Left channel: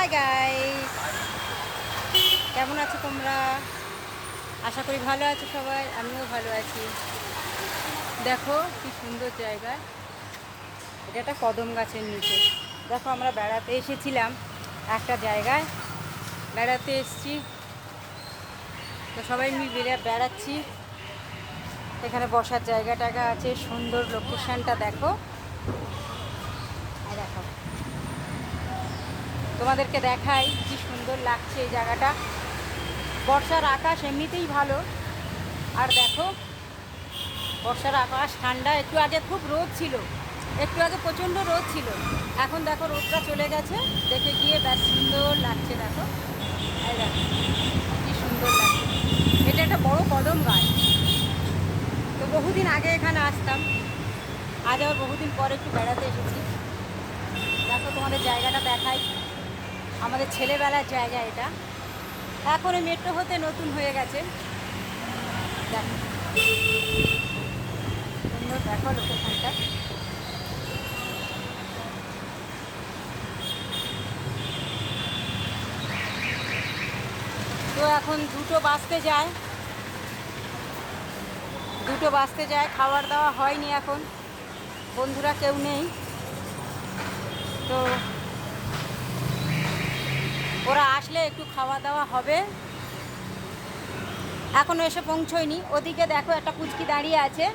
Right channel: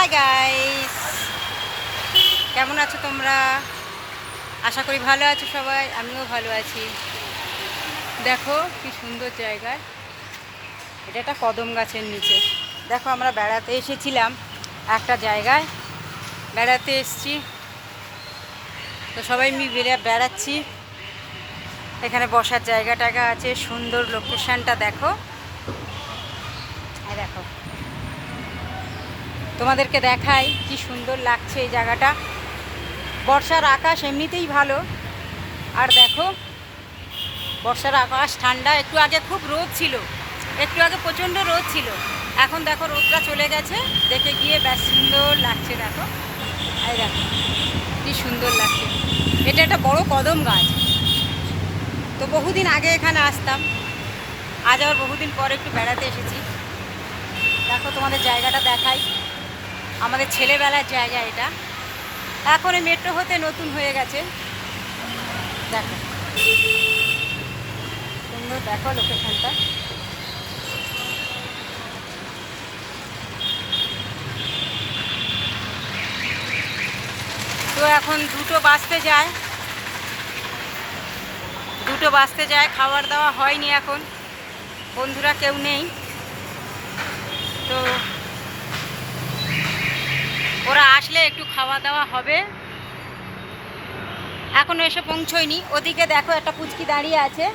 Hi guys, কেমন আছো তোমরা? আশা করি ভালো আছো সবাই, আমিও ভালো আছি। দেখো কি সুন্দর জায়গা, এটা একটা কদম গাছের নিচে। দেখো আমরা বেড়াতে এসেছিলাম একটা জায়গায়, বেড়াতে এসছি তো সবাই মিলে বেড়াচ্ছি। এখানে বসার জায়গা টায়গা আছে, সুন্দর লোকেশানটা দেখো। এই দেখো, তোমাদেরকে দেখাই কি সুন্দর লাগছে এই জায়গাটা। বর্ষার আকাশ এমনিতেই ভালো, আর দেখো বর্ষার আকাশ ঠান্ডা। একটু আগে খুব রোদ ছিল, একটু আগে প্রচণ্ড রোদ ছিল, এখন দেখো রোদটা চলে গেছে। দেখে গিয়ে বেশ সুন্দর লাগছে। দেখো এই দেখো কি সুন্দর লাগছে। এটা একটা বড় কদম গাছ। তো বহুদিন আগে এখানে আসতাম, আজ আবার বহুদিন পরে একটু বেড়াতে এসেছি। দেখো তোমাদের জায়গাটা দেখাই, আমাদের ছেলেবেলার জায়গা এটা। এখন এই মেট্রো হতে নতুন হয়ে গেছে। দেখো সুন্দর, দেখো লোকেশনটা। তো এখন দুটো বাজতে যায়, খাবার দাওয়া হয়নি এখন, বন্ধুরা কেউ নেই। তো ওরা আসলে একটু খাওয়া দাওয়া হবে, এখনও এসে পৌঁছয়নি। ওদিকে দেখো একটা পুচকি দাঁড়িয়ে আছে,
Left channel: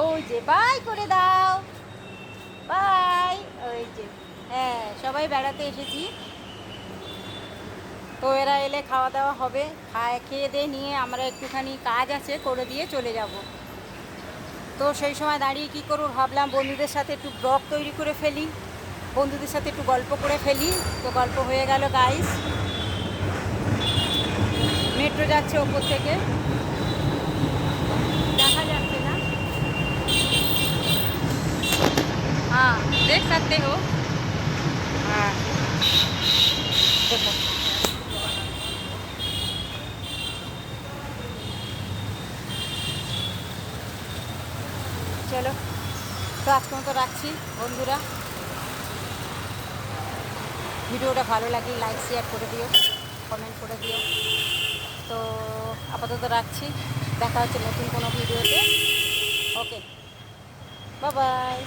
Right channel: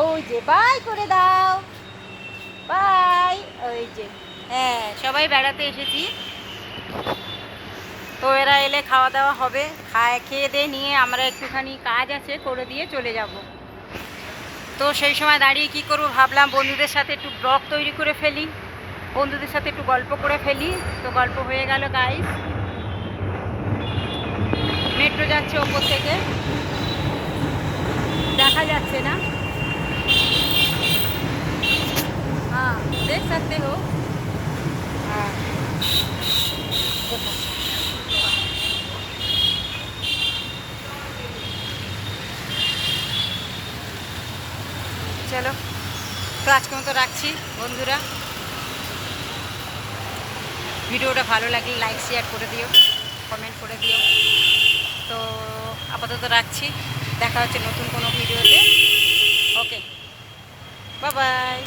ওই যে বাই করে দাও, বাই। ওই যে হ্যাঁ, সবাই বেড়াতে এসেছি, তো এরা এলে খাওয়া দাওয়া হবে। খেয়ে দিয়ে নিয়ে আমরা একটুখানি কাজ আছে করে দিয়ে চলে যাব। তো সেই সময় দাঁড়িয়ে কি করব ভাবলাম, বন্ধুদের সাথে একটু ব্লগ তৈরি করে ফেলি, বন্ধুদের সাথে একটু গল্প করে ফেলি। তো গল্প হয়ে গেল গাইস। মেট্রো যাচ্ছে ওপর থেকে, দেখা যাচ্ছে না। হ্যাঁ দেখ सकते हो। হ্যাঁ দেখো, চলো তো আজকের মতো রাখছি বন্ধুরা। ভিডিওটা ভালো লাগলে লাইক শেয়ার করে দিও, কমেন্ট করে দিও। তো আপাতত রাখছি, দেখা হচ্ছে নতুন কোনো ভিডিওতে। ওকে, বাই বাই।